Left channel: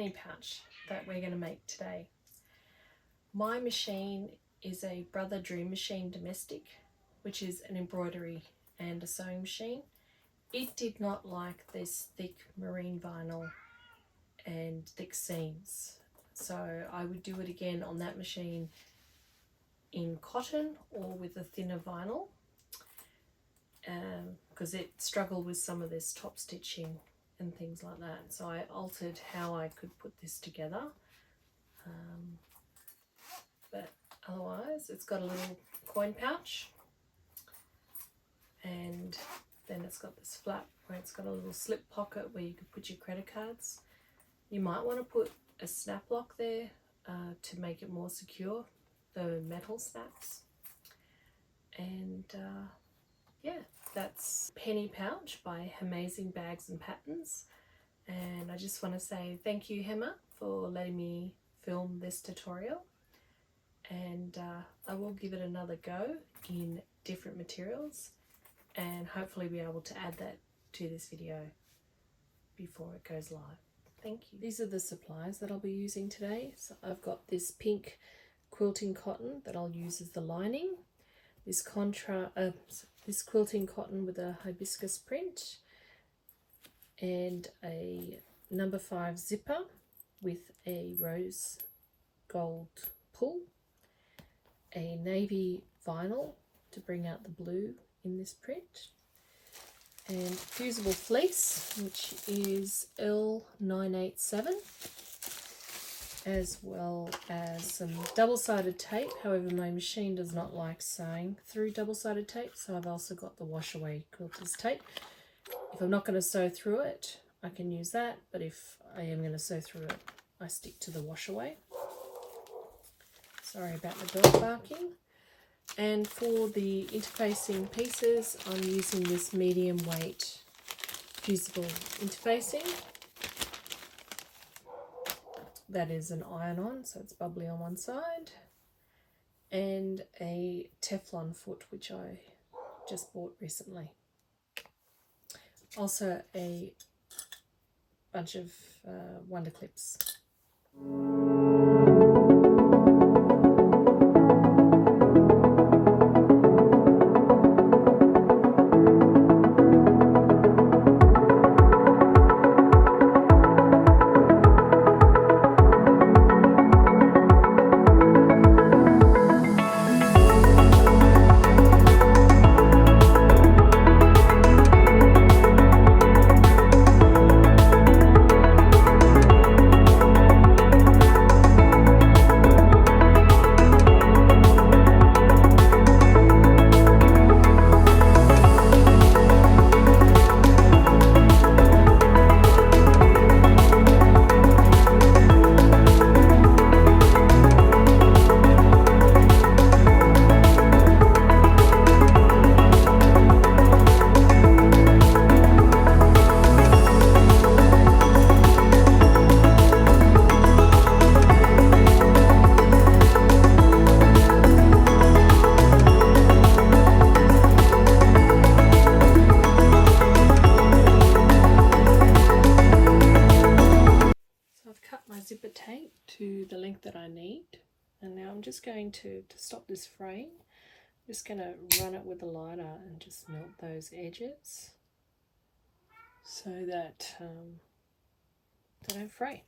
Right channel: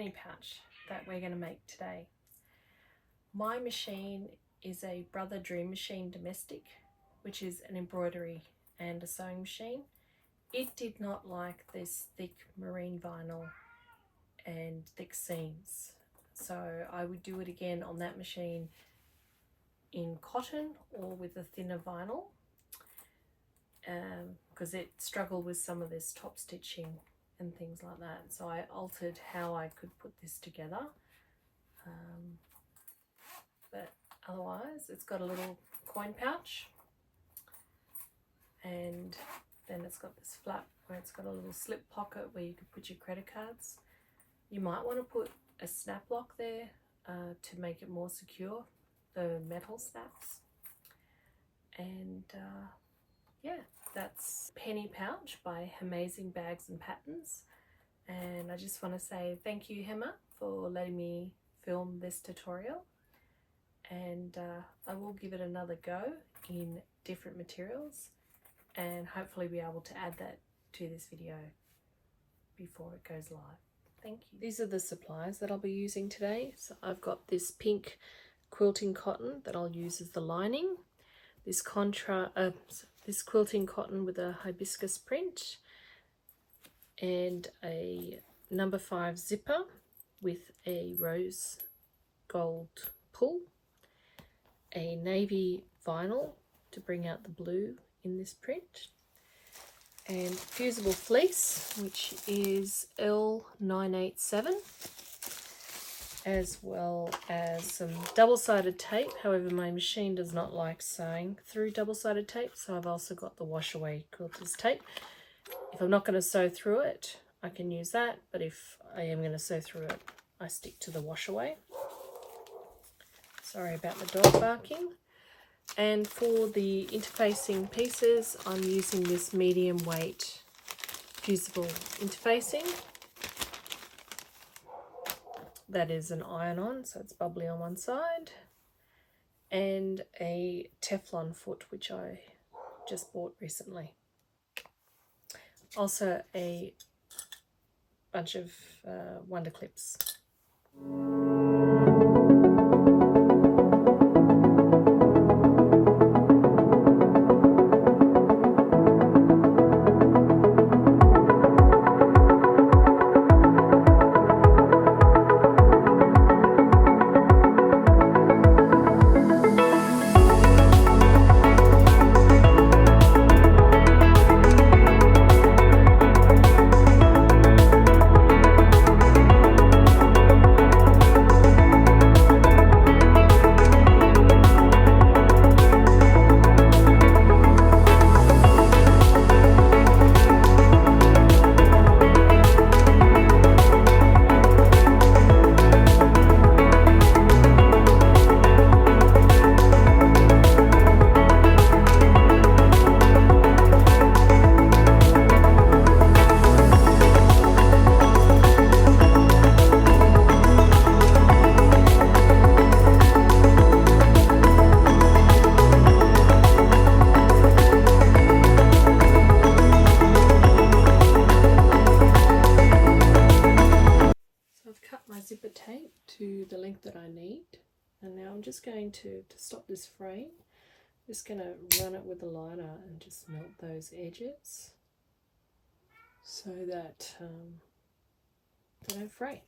penny pouch that we're going to make today. My machine is a Brother Dream Machine Domestic, which is an embroidery and a sewing machine. It did not like this thick marine vinyl and thick seams, so I would do it again on that machine in cotton or with a thinner vinyl, because it struggled with some of this top stitching and things like that. So I altered how I could put this together, but otherwise it's got a little coin pouch, and then it's got this flap where it's got a little slip pocket where you could put your credit cards. You might want to put a snap lock there to make it more secure, the metal snaps. And yeah, that's Penny Pouch by Hemazing Bags and Patterns. And I just want to say thank you, Hema, for letting me film this tutorial. And I will give it another go in different materials and hopefully be able to add that to this video before it goes live. Thank you. These are the supplies that I'll be using today. So I've got this pink quilting cotton that I'll use as the lining, this quilting cotton with a hibiscus print, and a number 5 zipper with a rose gold pull, a navy vinyl to bring out the blue in this print, and fusible fleece, which is L987, as well as some double-sided tape. However, my machine does not like sewing through double-sided tape, so I've also got the wash away quilter's tape. If I'm not going to sew through it, I can use that, but if I am going to sew through it, I stick to the wash away. Sorry about the dog barking. And for the interfacing pieces, I'm using this medium weight fusible interfacing. That is an iron-on, so it's bubbly on one side, and a Teflon foot, which I just bought recently. Also a bunch of wonder clips. Zipper tape to the length that I need, and now I'm just going to stop this fraying, I'm just going to run it with the lighter and just melt those edges so that they don't fray.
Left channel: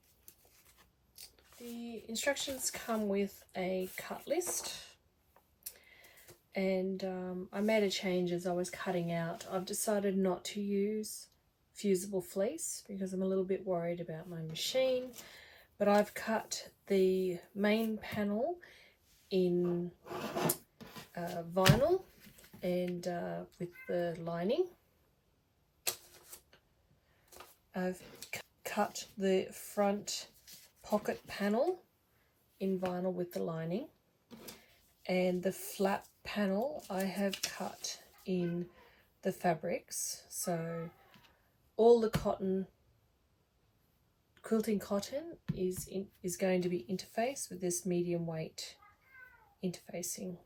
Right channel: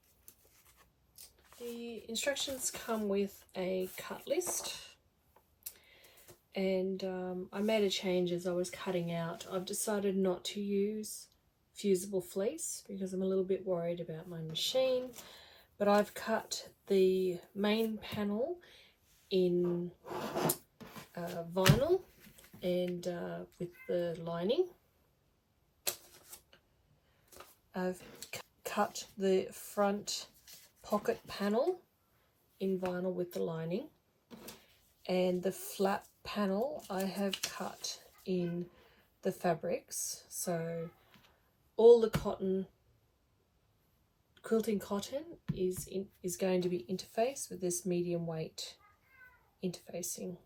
The instructions come with a cut list, and I made a change as I was cutting out. I've decided not to use fusible fleece because I'm a little bit worried about my machine. But I've cut the main panel in vinyl and with the lining. I've cut the front pocket panel in vinyl with the lining, and the flap panel I have cut in the fabrics. So all the quilting cotton is going to be interfaced with this medium weight interfacing.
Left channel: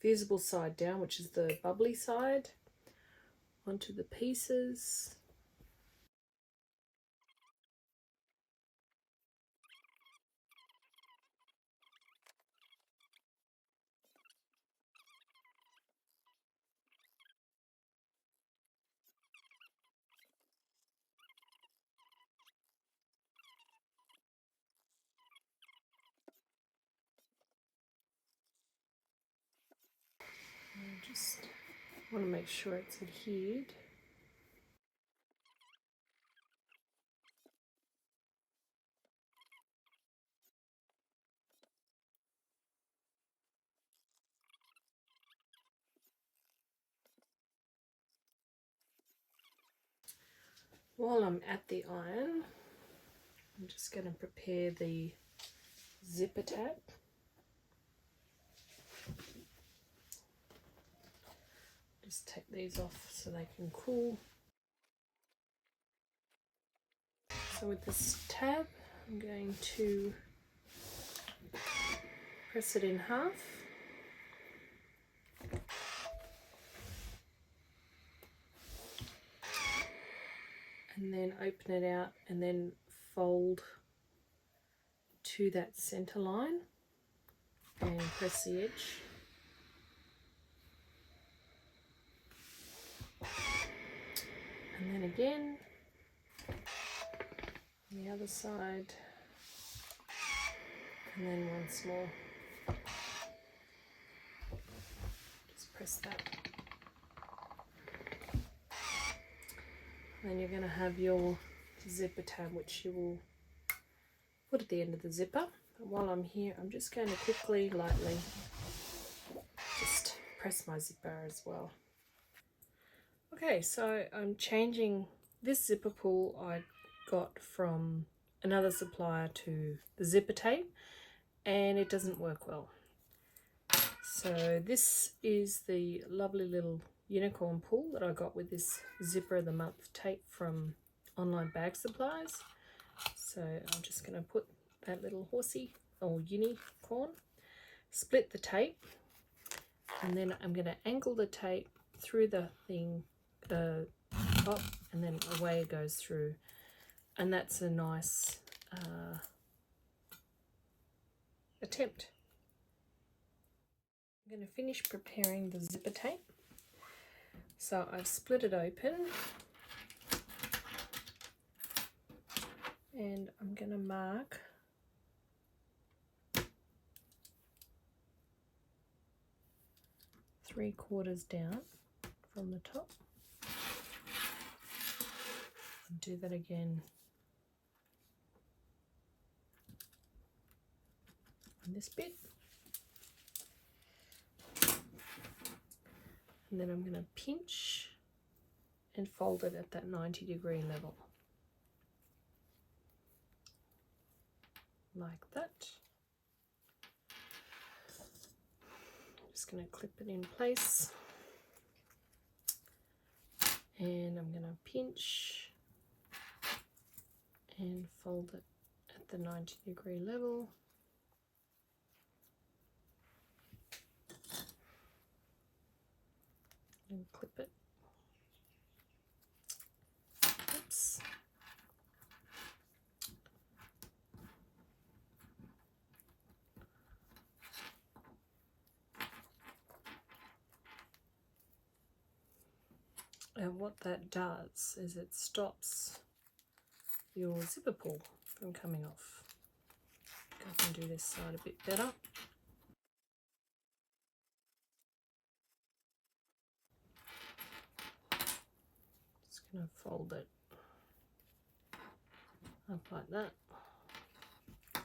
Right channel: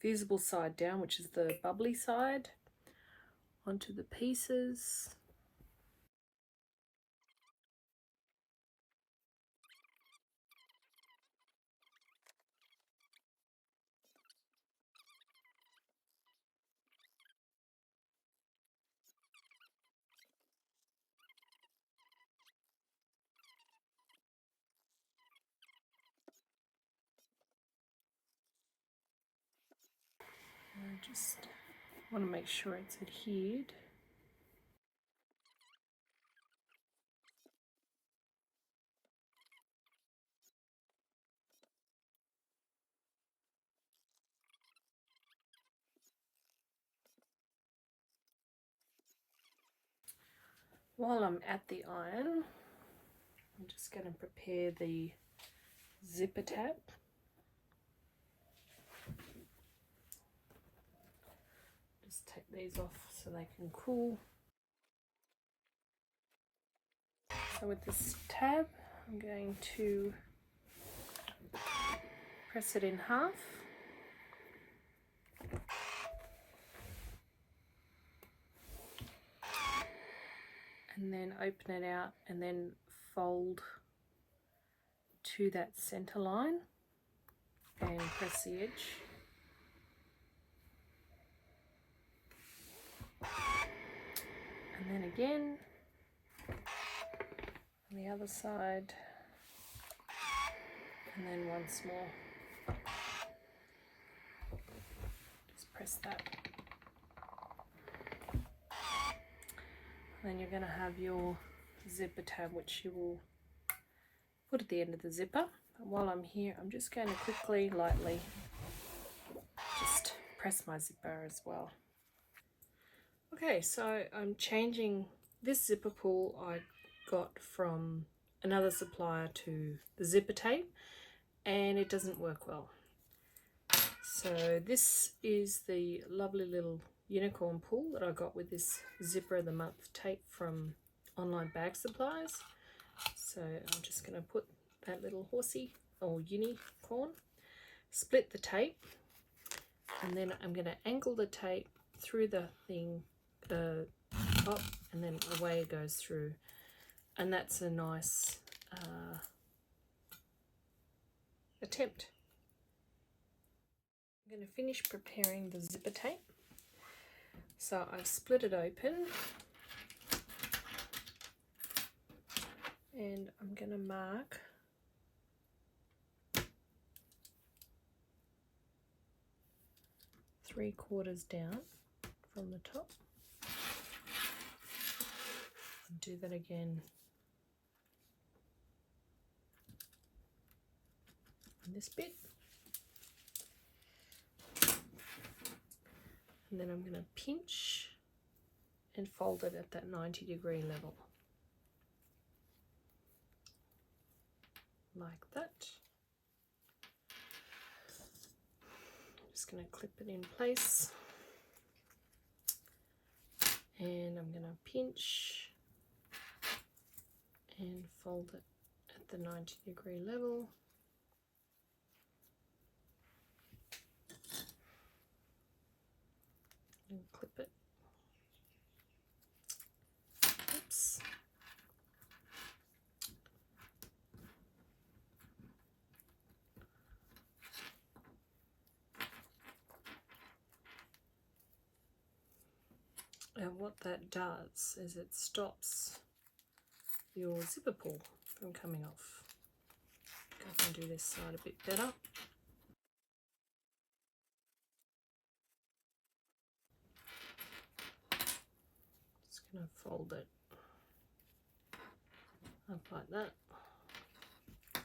fusible side down, which is the bubbly side, onto the pieces. I just want to make sure it's adhered. While I'm at the iron, I'm just going to prepare the zipper tab. Just take these off so they can cool. So with this tab, I'm going to press it in half. And then open it out and then fold to that center line and press the edge. And then again, on the other side, and then once more. Just press that. Then you're going to have your zipper tab, which you will put at the end of the zipper. And while I'm here, I'm just going to quickly, lightly, just press my zipper as well. Okay, so I'm changing this zipper pull I got from another supplier to the zipper tape, and it doesn't work well. So this is the lovely little unicorn pull that I got with this zipper of the month tape from online bag supplies. So I'm just going to put that little horsey or unicorn, split the tape, and then I'm going to angle the tape through the thing, the top, and then away it goes through, and that's a nice attempt. I'm going to finish preparing the zipper tape. So I've split it open, and I'm going to mark three-quarters down from the top, and do that again on this bit. And then I'm going to pinch and fold it at that 90-degree level, like that. I'm just going to clip it in place, and I'm going to pinch and fold it at the 90-degree level. And clip it. Oops. And what that does is it stops your zipper pull from coming off. I can do this side a bit better. Going to fold it up like that. So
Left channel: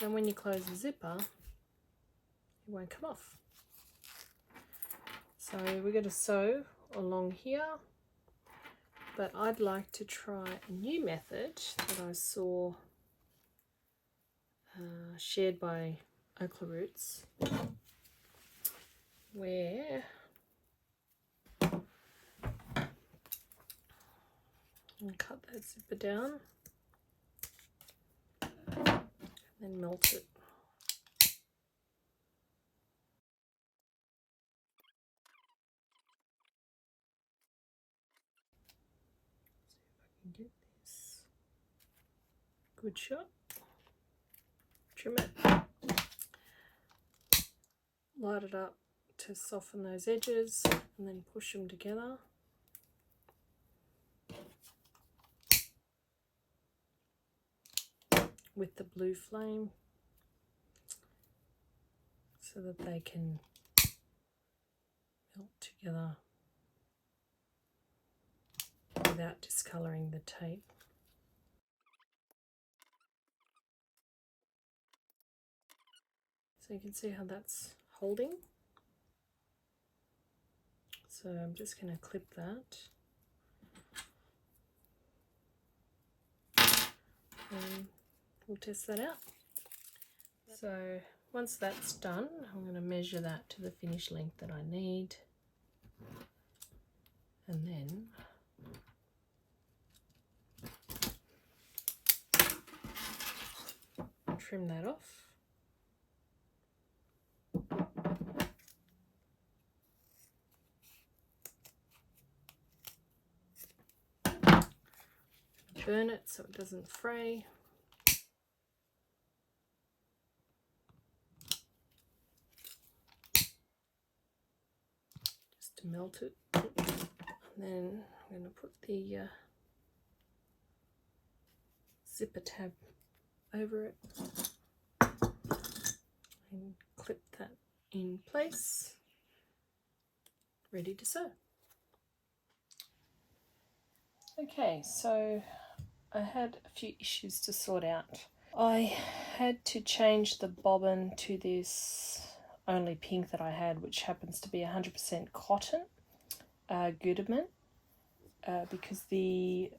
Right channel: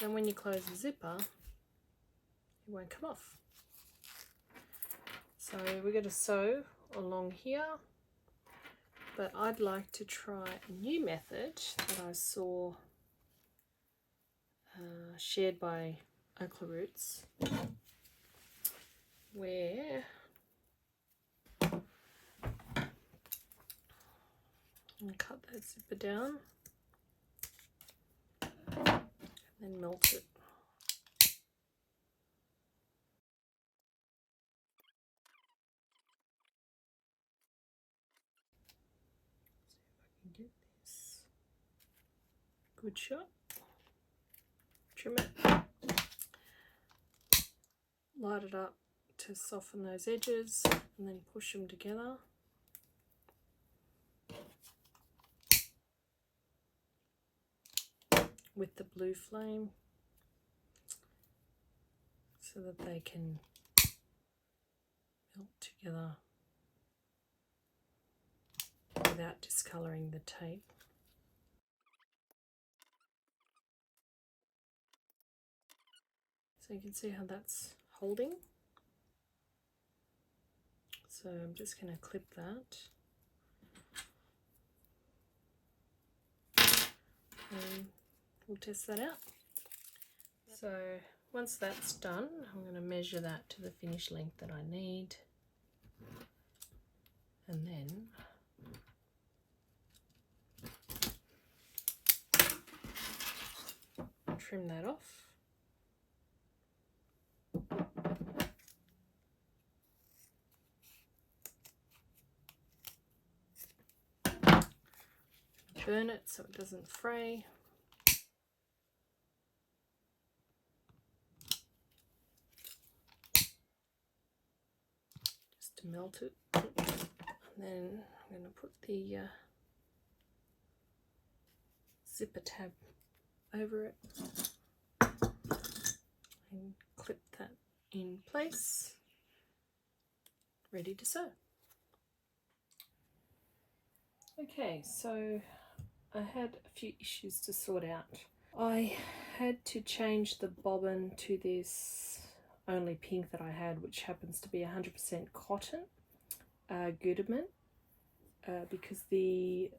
then when you close the zipper, it won't come off. So we're going to sew along here, but I'd like to try a new method that I saw shared by Okla Roots, where and cut that zipper down and then melt it. good shot. Trim it. Light it up to soften those edges and then push them together. With the blue flame so that they can melt together without discolouring the tape. So you can see how that's holding. So I'm just going to clip that. And we'll test that out. So once that's done, I'm going to measure that to the finished length that I need. And then trim that off. Burn it so it doesn't fray. Just to melt it. And then I'm going to put the zipper tab over it and clip that in place. Ready to sew. Okay, so I had a few issues to sort out. I had to change the bobbin to this only pink that I had, which happens to be 100% cotton Gutermann, because the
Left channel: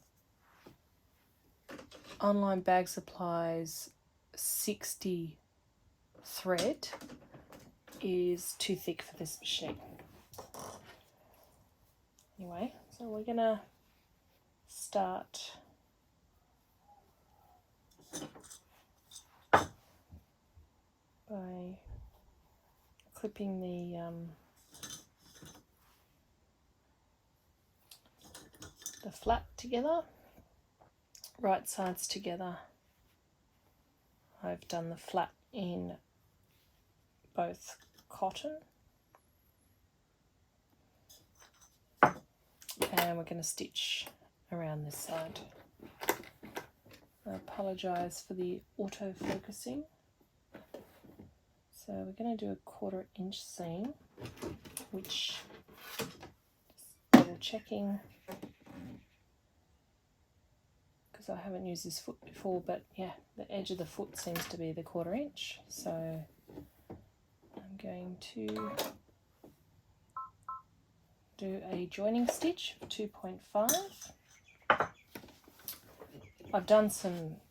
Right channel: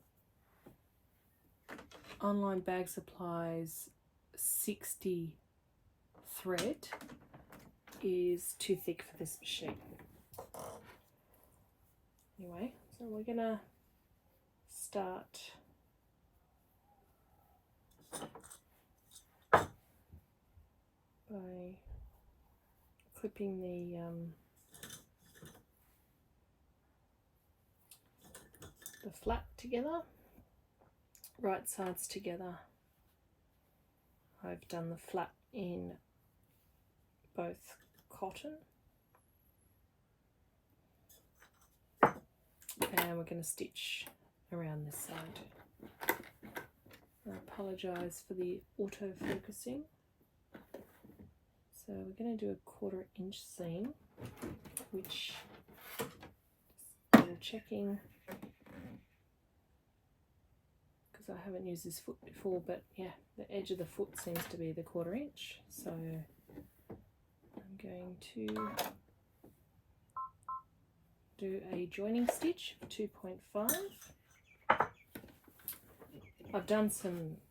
online bag supplies 60 thread is too thick for this machine. Anyway, so we're gonna start by clipping the flap together, right sides together. I've done the flap in both cotton, and we're going to stitch around this side. I apologise for the auto focusing. So we're going to do a 1/4 inch seam, which I'm checking because I haven't used this foot before, but yeah, the edge of the foot seems to be the 1/4 inch. So I'm going to do a joining stitch for 2.5. I've done some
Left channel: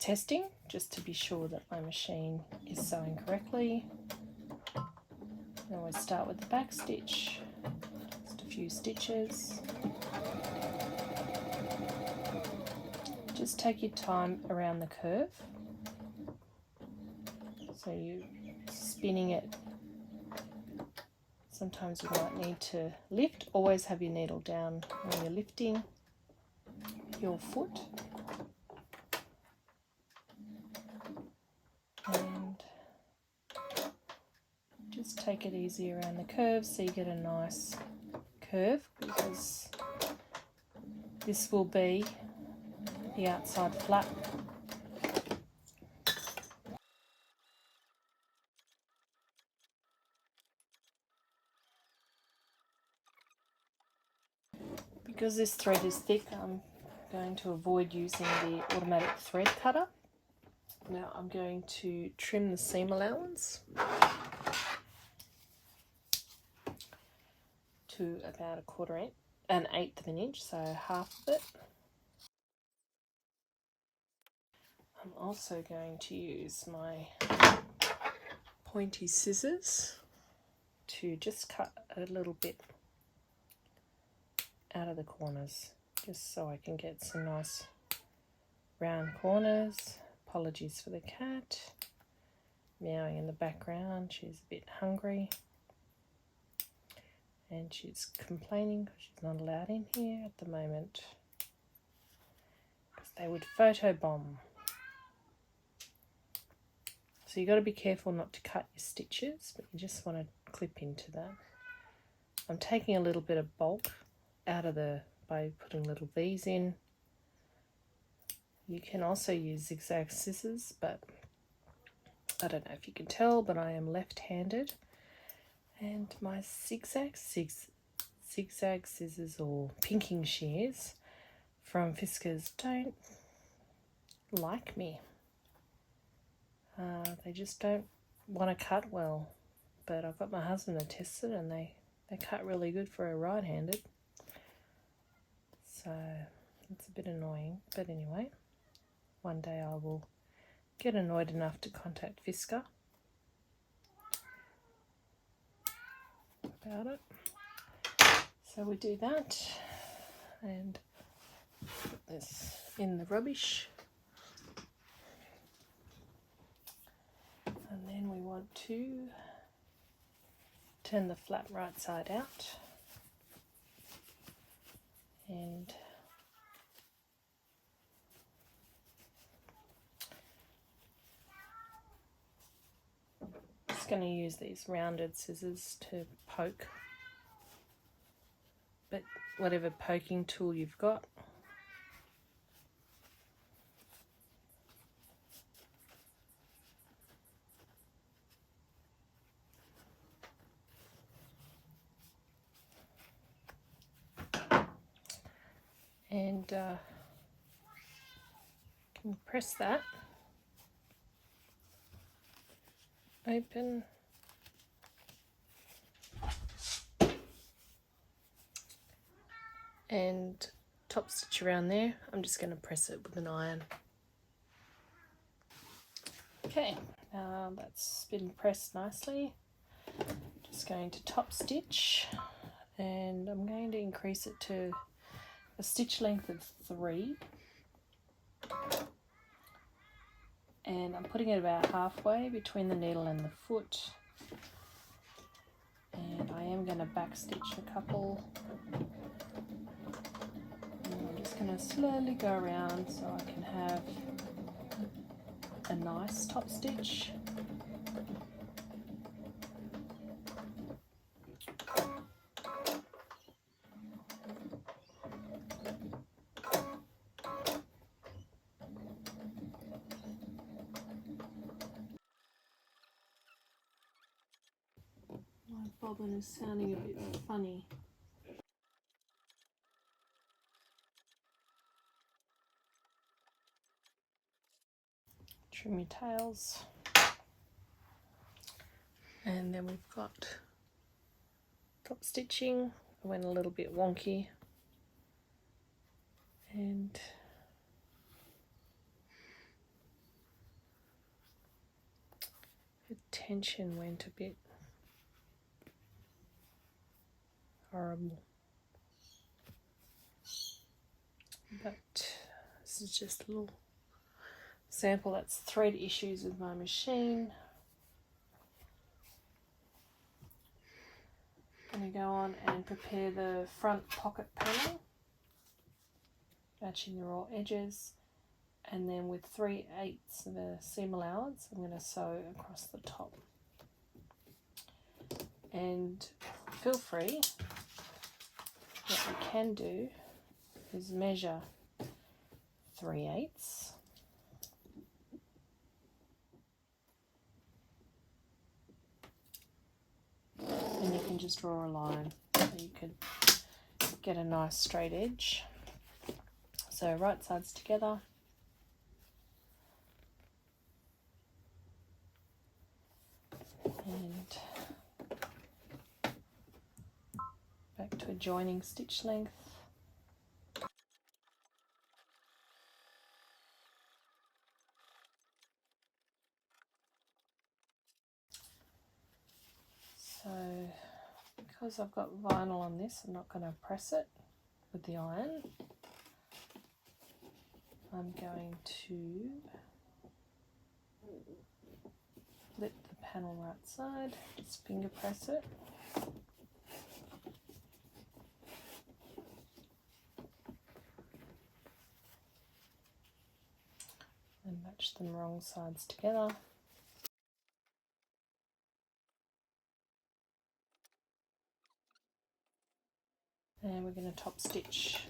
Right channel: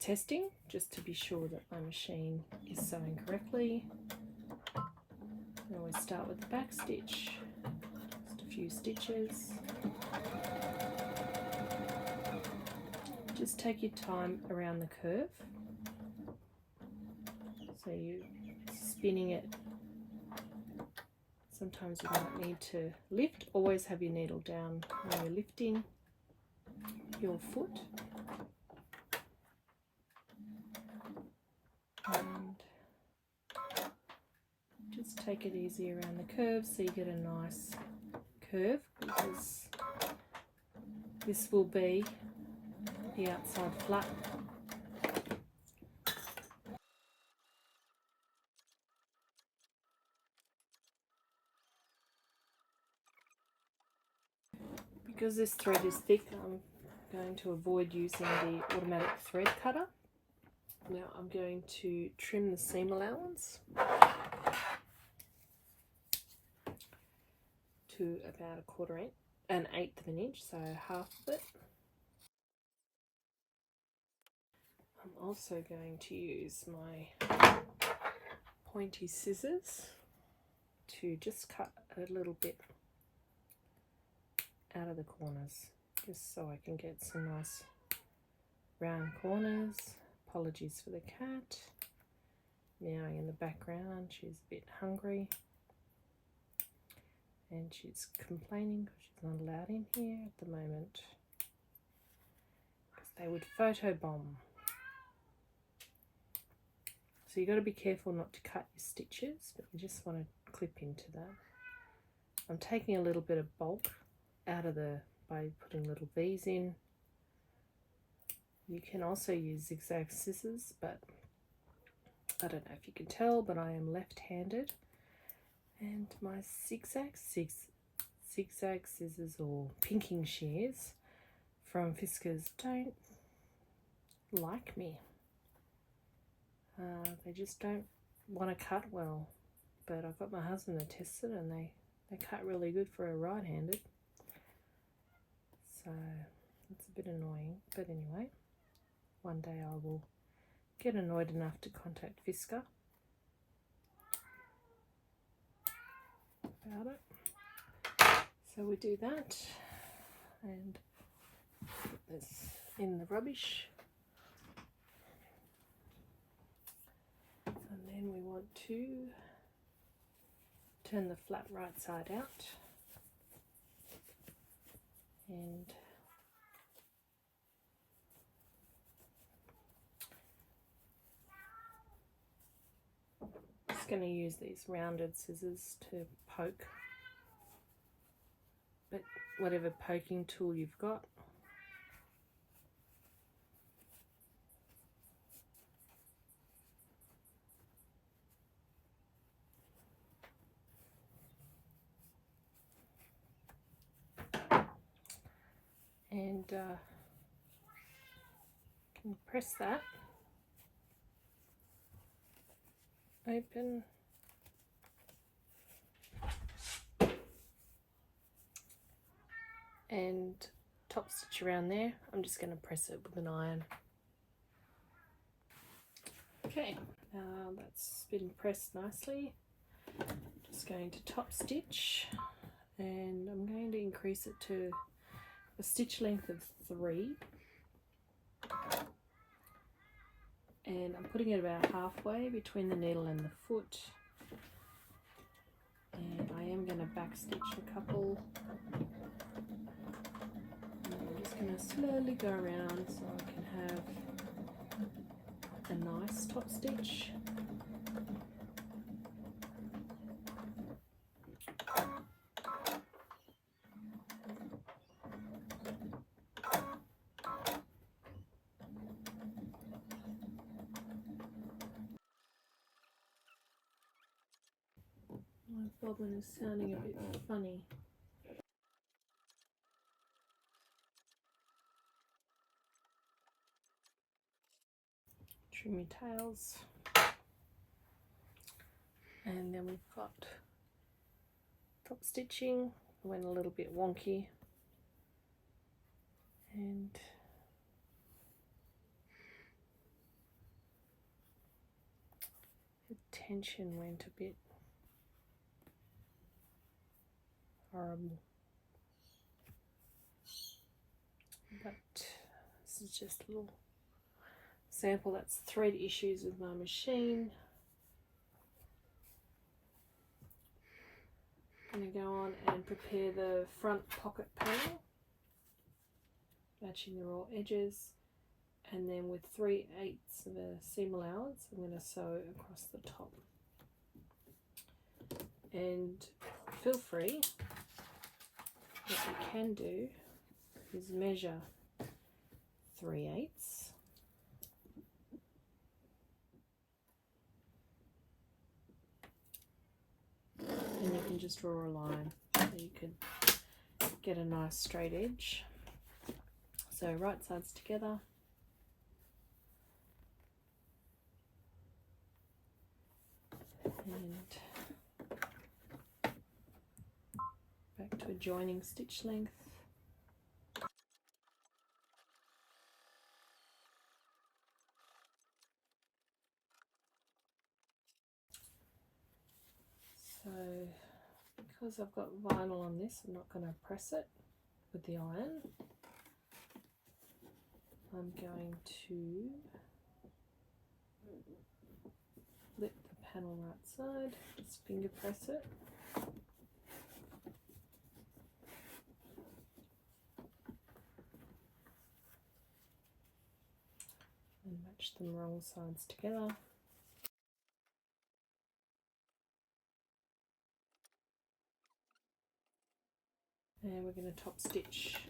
testing just to be sure that my machine is sewing correctly. I always start with the back stitch, just a few stitches. Just take your time around the curve, so you're spinning it. Sometimes you might need to lift. Always have your needle down when you're lifting your foot. And just take it easy around the curve so you get a nice curve, because this will be the outside flap. Because this thread is thick, I'm going to avoid using the automatic thread cutter. Now I'm going to trim the seam allowance to about 1/4 inch, an 1/8 of an inch, so half of it. I'm also going to use my pointy scissors to just cut a little bit out of the corners, just so I can get some nice round corners. Apologies for the cat meowing in the background. She's a bit hungry and she's complaining because she's not allowed in here at the moment, because they would photobomb. So you got to be careful not to cut your stitches, but you just want to clip into that. I'm taking a little bit of bulk out of by putting little V's in. You can also use zigzag scissors, but I don't know if you can tell, but I am left-handed, and my zigzag scissors or pinking shears from Fiskars don't like me. They just don't want to cut well, but I've got my husband to test it, and they cut really good for a right-handed, so it's a bit annoying. But anyway, one day I will get annoyed enough to contact Fiskars about it. So we do that, and put this in the rubbish. And then we want to turn the flap right side out, and just going to use these rounded scissors to poke, but whatever poking tool you've got. And can press that open, and top stitch around there. I'm just going to press it with an iron. Okay, that's been pressed nicely. Just going to top stitch, and I'm going to increase it to a stitch length of 3, and I'm putting it about halfway between the needle and the foot, and I am going to back stitch a couple, and I'm just going to slowly go around so I can have a nice top stitch. My bobbin is sounding a bit funny. Trim your tails, and then we've got top stitching. I went a little bit wonky, and the tension went a bit horrible, but this is just a little sample. That's thread issues with my machine. I'm going to go on and prepare the front pocket panel, matching the raw edges, and then with 3/8 of a seam allowance I'm going to sew across the top. And feel free, what you can do is measure 3/8, and you can just draw a line so you can get a nice straight edge. So right sides together, and back to a joining stitch length. So because I've got vinyl on this, I'm not going to press it with the iron. I'm going to flip the panel right side, just finger press it. And match them wrong sides together. And we're going to top stitch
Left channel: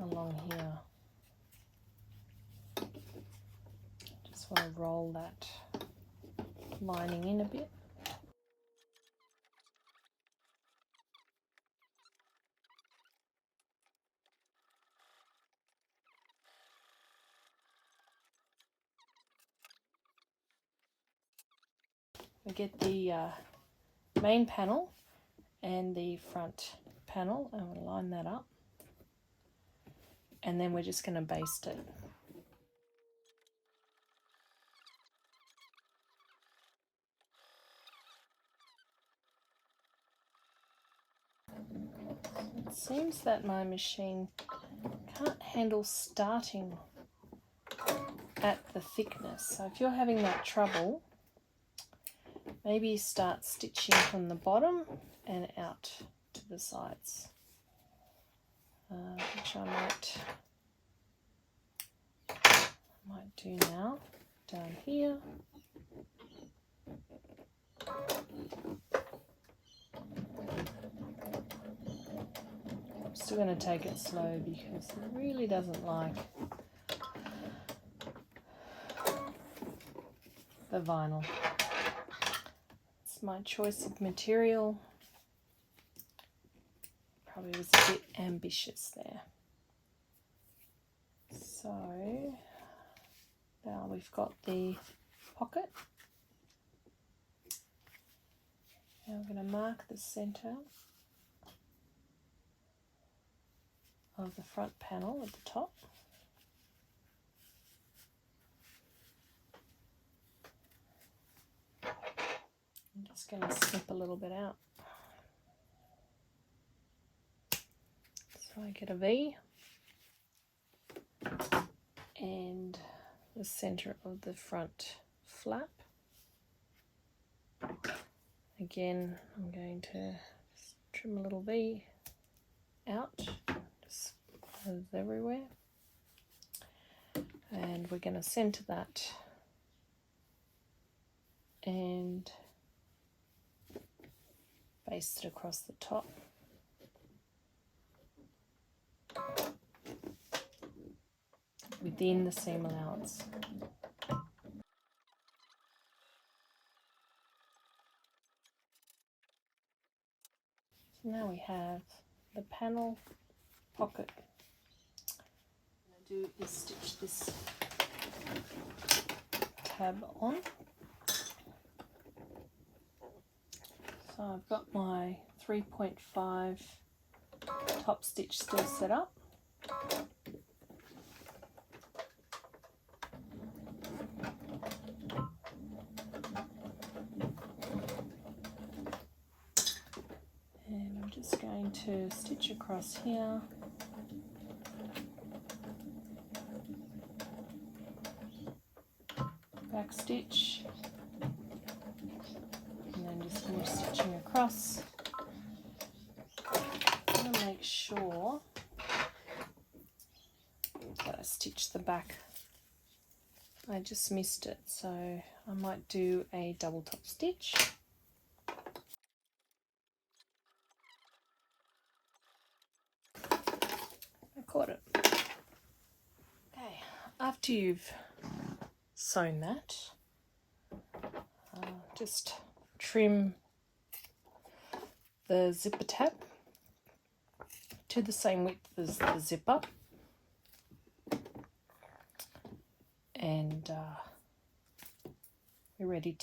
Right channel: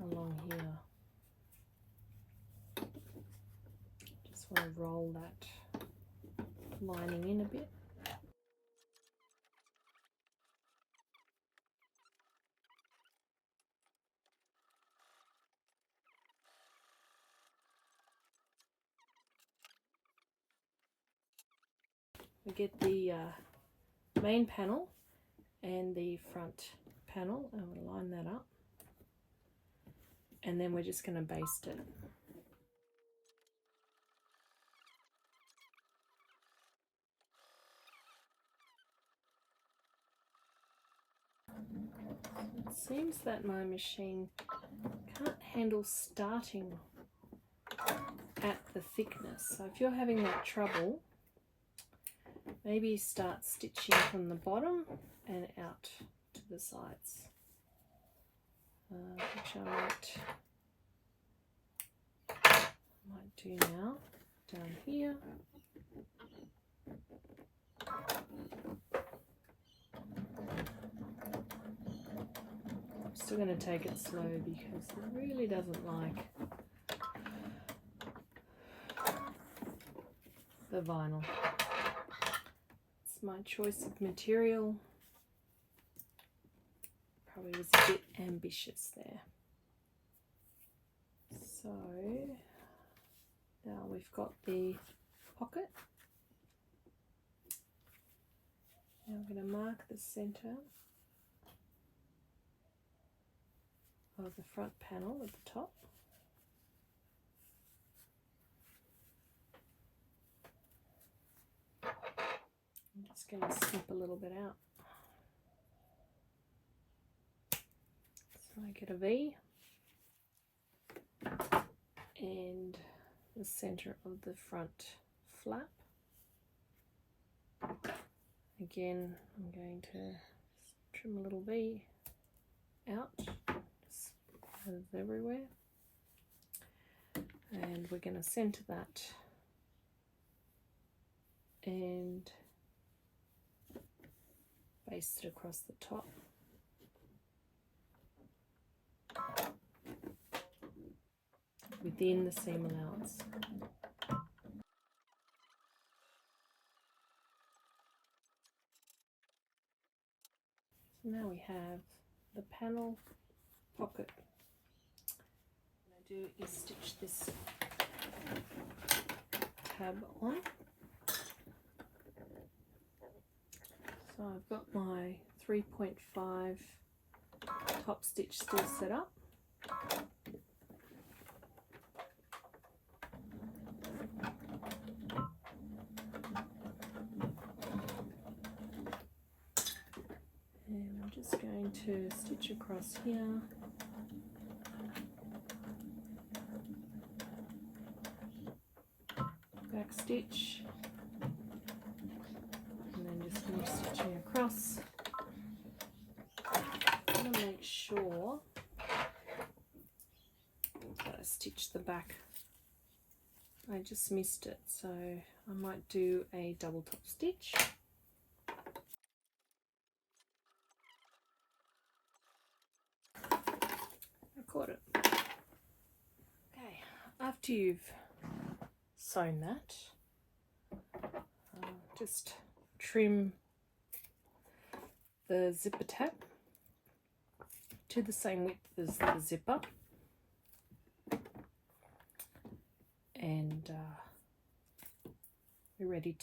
along here. Just want to roll that lining in a bit. We get the main panel and the front panel, and we'll line that up, and then we're just going to baste it. It seems that my machine can't handle starting at the thickness, so if you're having that trouble, maybe start stitching from the bottom and out to the sides, which I might do now, down here. I'm still going to take it slow because it really doesn't like the vinyl. It's my choice of material. Probably was a bit ambitious there. So now we've got the pocket. Now I'm going to mark the center of the front panel at the top. I'm just going to snip a little bit out. So I get a V, and the center of the front flap. Again, I'm going to trim a little V out, just goes everywhere. And we're going to center that and baste it across the top. Within the seam allowance. So now we have the panel pocket. What I'm going to do is stitch this tab on. So I've got my 3.5 top stitch still set up. And I'm just going to stitch across here. Back stitch. And then just finish stitching across. I'm going to make sure that I stitch the back. I just missed it, so I might do a double top stitch. I caught it. Okay, after you've sewn that, just trim the zipper tab to the same width as the zipper, and we're ready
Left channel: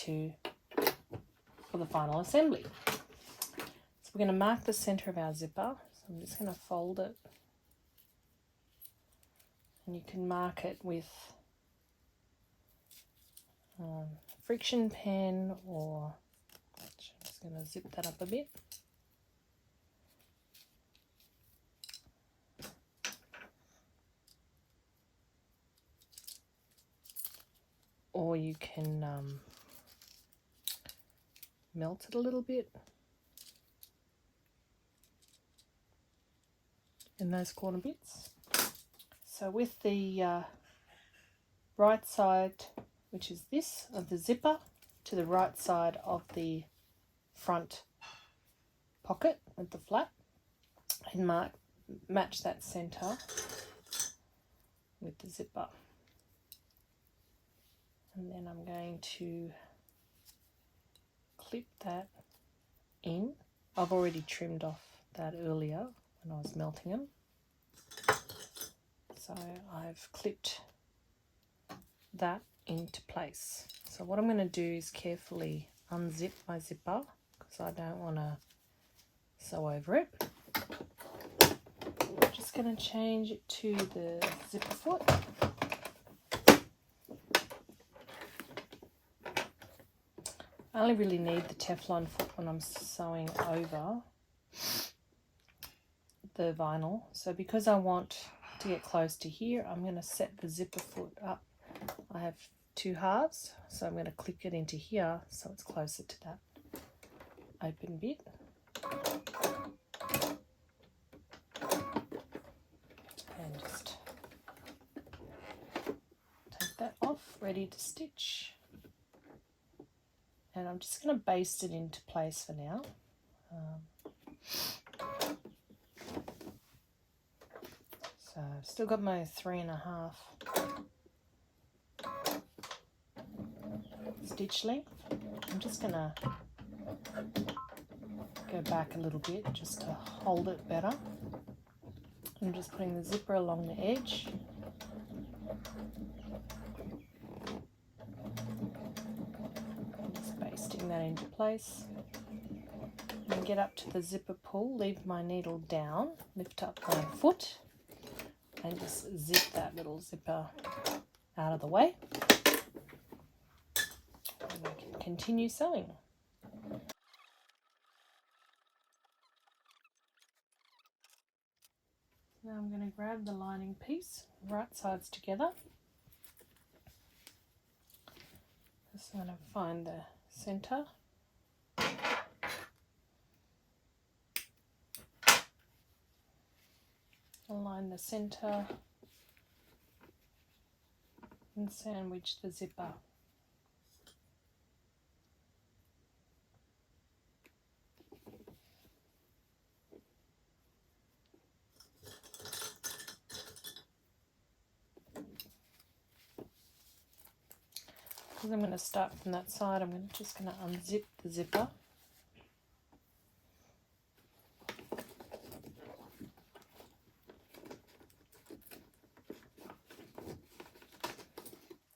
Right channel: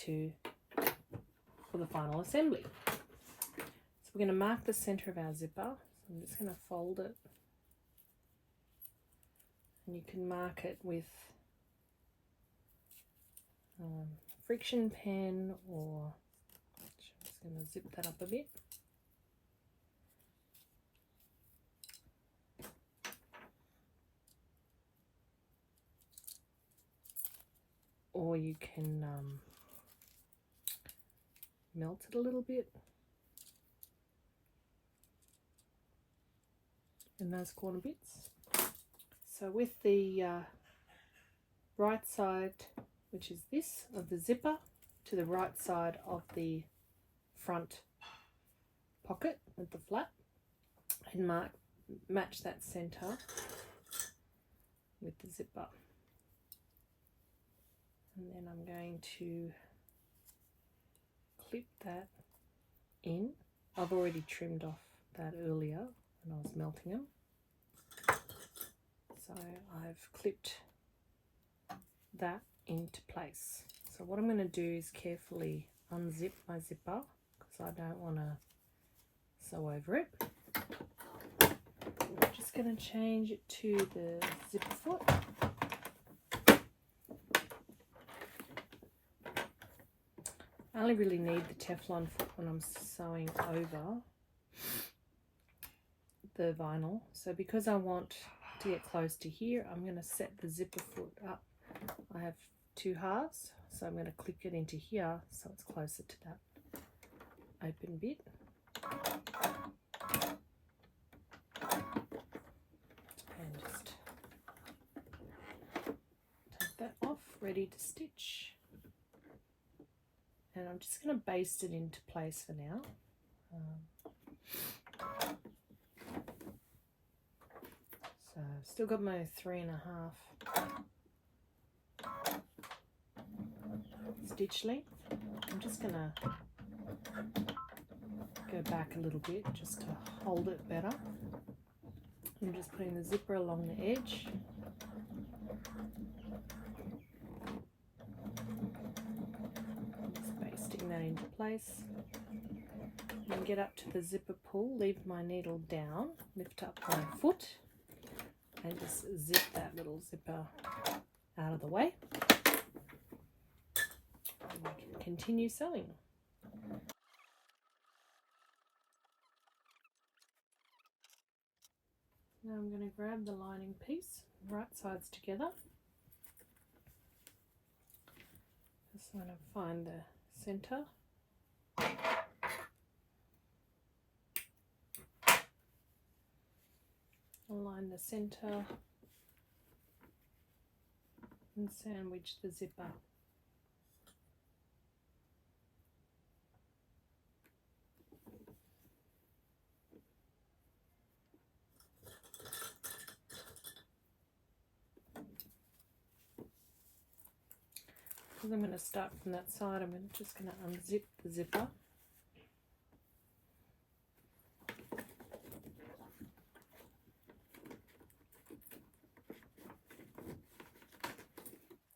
for the final assembly. So we're going to mark the center of our zipper. So I'm just going to fold it, and you can mark it with friction pen, or I'm just going to zip that up a bit. Or you can melt it a little bit in those corner bits. So with the right side, which is this, of the zipper, to the right side of the front pocket with the flap, and match that center with the zipper. And then I'm going to clip that in. I've already trimmed off that earlier when I was melting them. So I've clipped that into place. So what I'm going to do is carefully unzip my zipper because I don't want to sew over it. I'm just going to change it to the zipper foot. I only really need the Teflon foot when I'm sewing over the vinyl. So because I want to get close to here, I'm going to set the zipper foot up. I have 2 halves, so I'm going to click it into here so it's closer to that open bit. And just take that off, ready to stitch. And I'm just going to baste it into place for now. So I've still got my 3.5 stitch length. I'm just going to go back a little bit just to hold it better. I'm just putting the zipper along the edge. And just basting that into place. When I get up to the zipper pull, leave my needle down, lift up my foot, and just zip that little zipper out of the way. And I can continue sewing. Now I'm going to grab the lining piece, right sides together. Just want to find the center. Align the center and sandwich the zipper. Because I'm going to start from that side, I'm just going to unzip the zipper.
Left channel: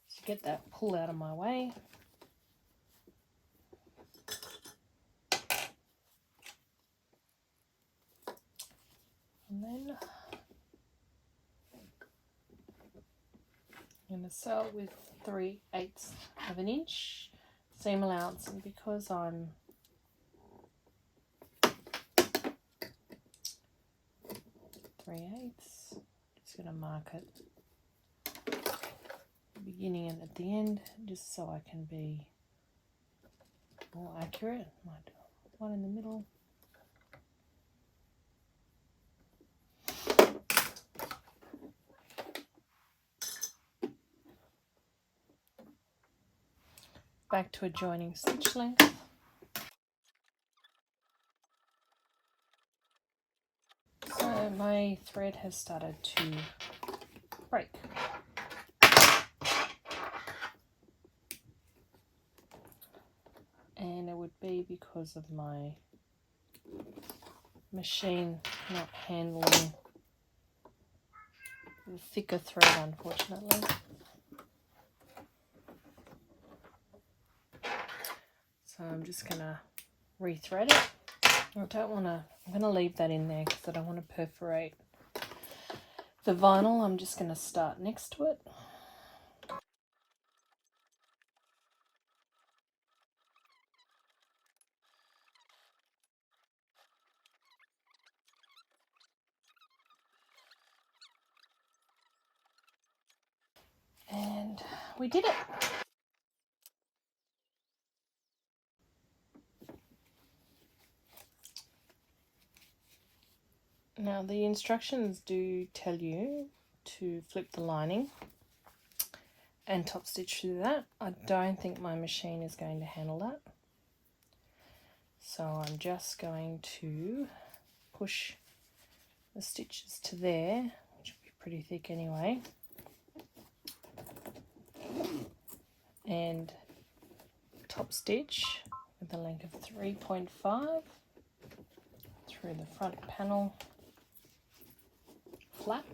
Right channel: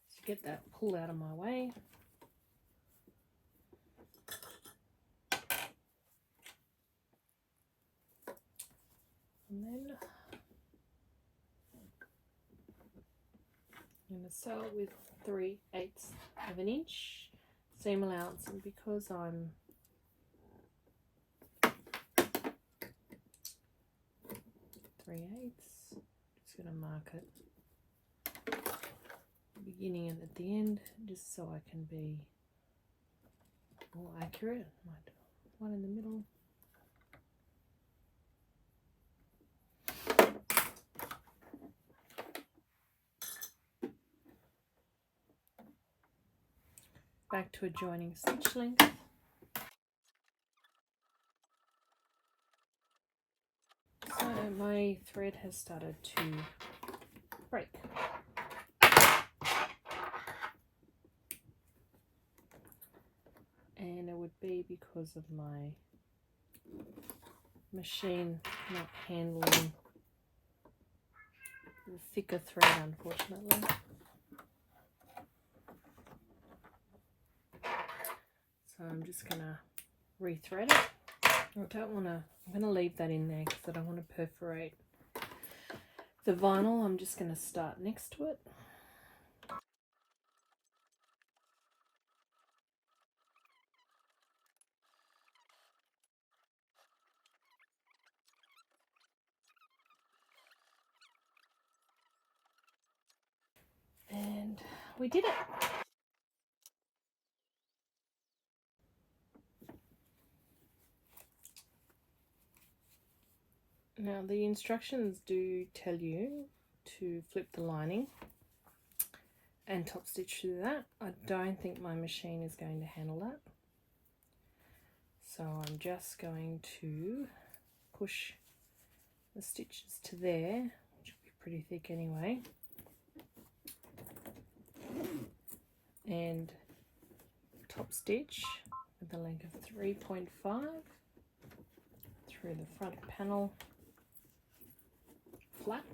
So get that pull out of my way. And then I'm going to sew it with 3/8 of an inch seam allowance, and because I'm just going to mark it at the beginning and at the end just so I can be more accurate. Might do one in the middle. Back to adjoining stitch length. So my thread has started to break. And it would be because of my machine not handling the thicker thread, unfortunately. So I'm just going to rethread it. I don't want to, I'm going to leave that in there because I don't want to perforate the vinyl. I'm just going to start next to it. And we did it. Now the instructions do tell you to flip the lining and top stitch through that. I don't think my machine is going to handle that. So I'm just going to push the stitches to there, which will be pretty thick anyway, and top stitch with a length of 3.5 through the front panel flap.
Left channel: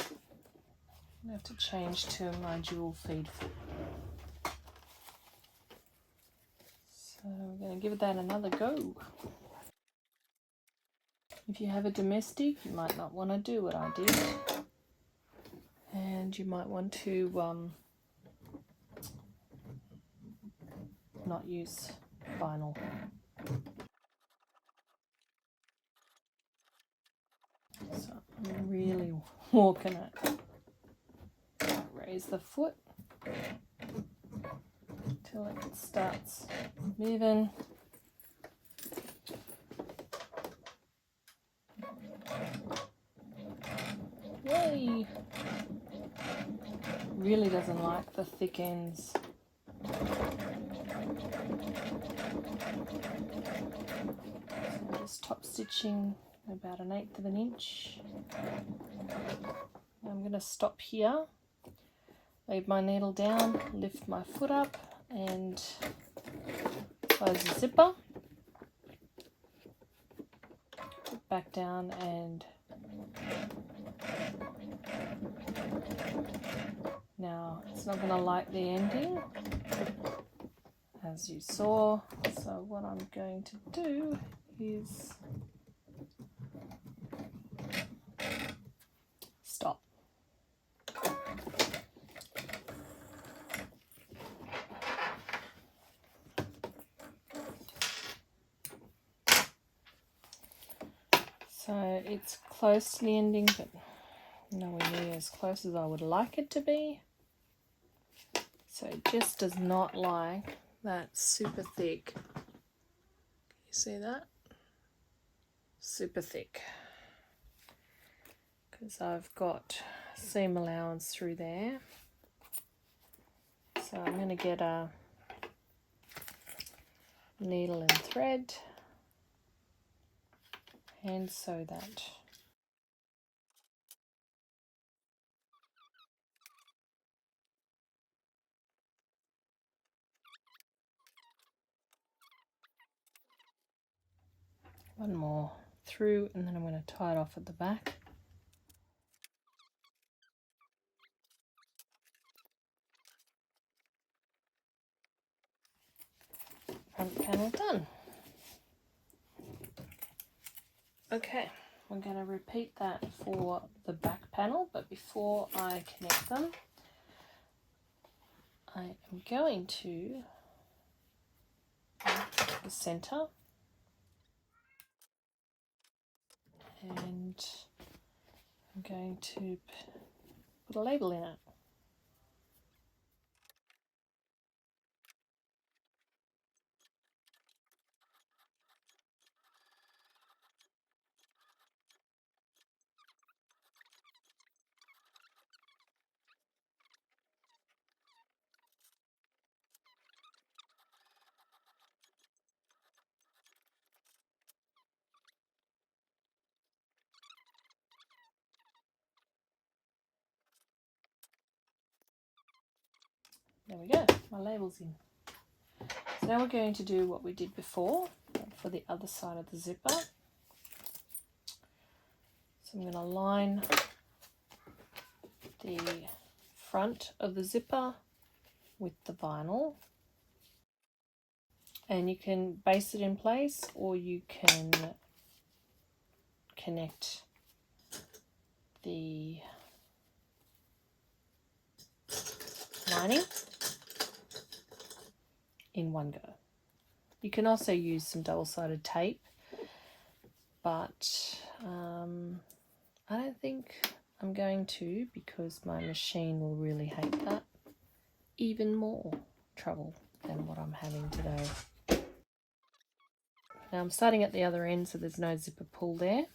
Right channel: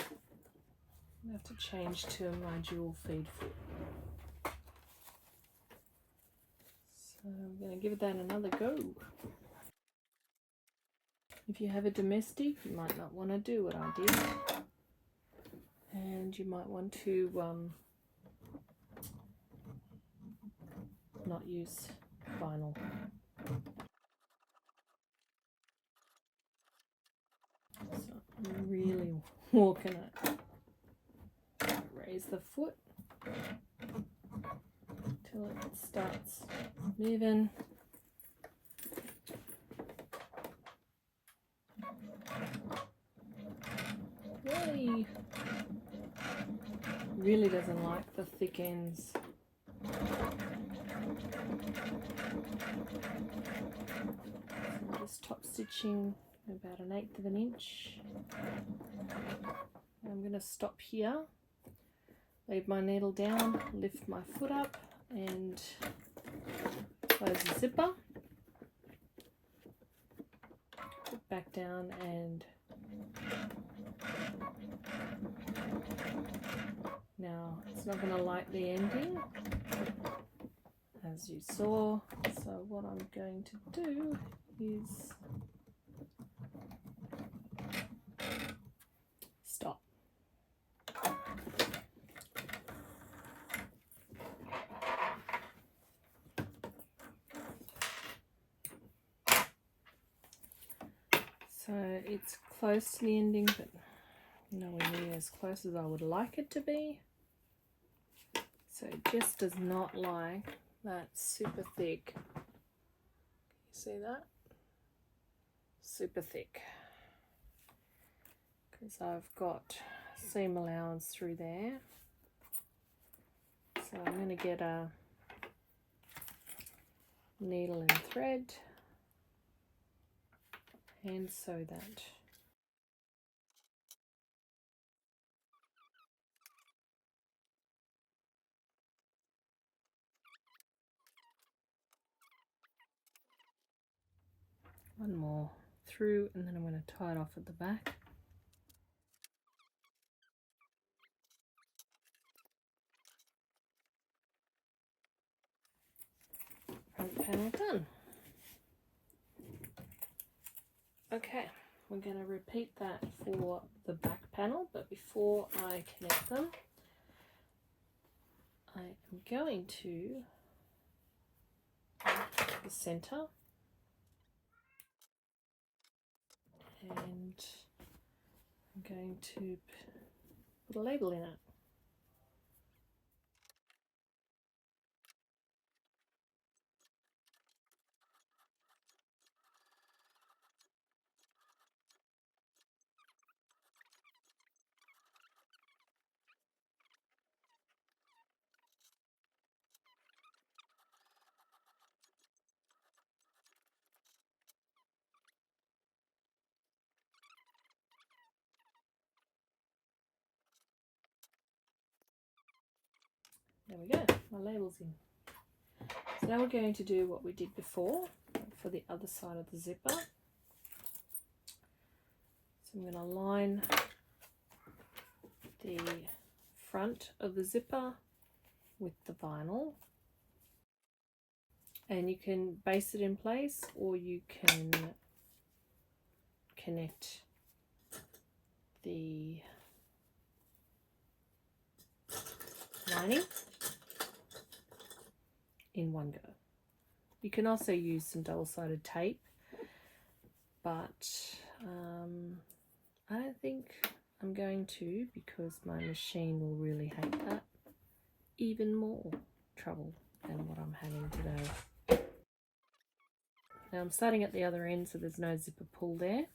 I have to change to my dual feed foot. So we're going to give that another go. If you have a domestic, you might not want to do what I did, and you might want to not use vinyl. So I'm really walking it. Raise the foot till it starts moving. Yay! Really doesn't like the thick ends. So I'm just top stitching about 1/8 of an inch. I'm going to stop here, leave my needle down, lift my foot up and close the zipper, put back down, and now it's not going to like the ending as you saw, so what I'm going to do is stop. So it's close to the ending, but nowhere near as close as I would like it to be. So it just does not like that super thick. You see that? Super thick. Because I've got seam allowance through there. So I'm going to get a needle and thread and sew that. One more through, and then I'm going to tie it off at the back. Front panel done. Okay, we're going to repeat that for the back panel, but before I connect them, I am going to mark the center and I'm going to put a label in it. There we go, my label's in. So now we're going to do what we did before for the other side of the zipper. So I'm going to line the front of the zipper with the vinyl, and you can base it in place or you can connect the lining in one go. You can also use some double-sided tape, but I don't think I'm going to, because my machine will really hate that. Even more trouble than what I'm having today. Now I'm starting at the other end, so there's no zipper pull there.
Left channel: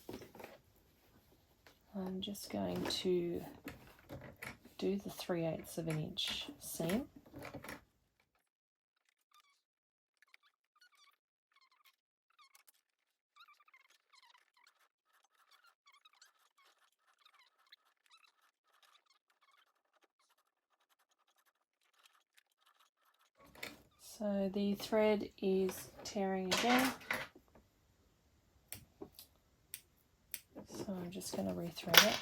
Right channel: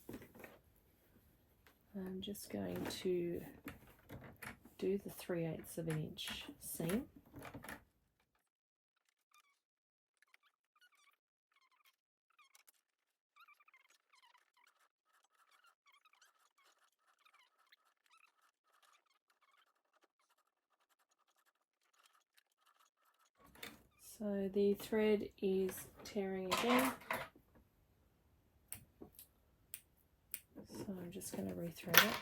I'm just going to do the 3/8 of an inch seam. So the thread is tearing again. So I'm just going to rethread it.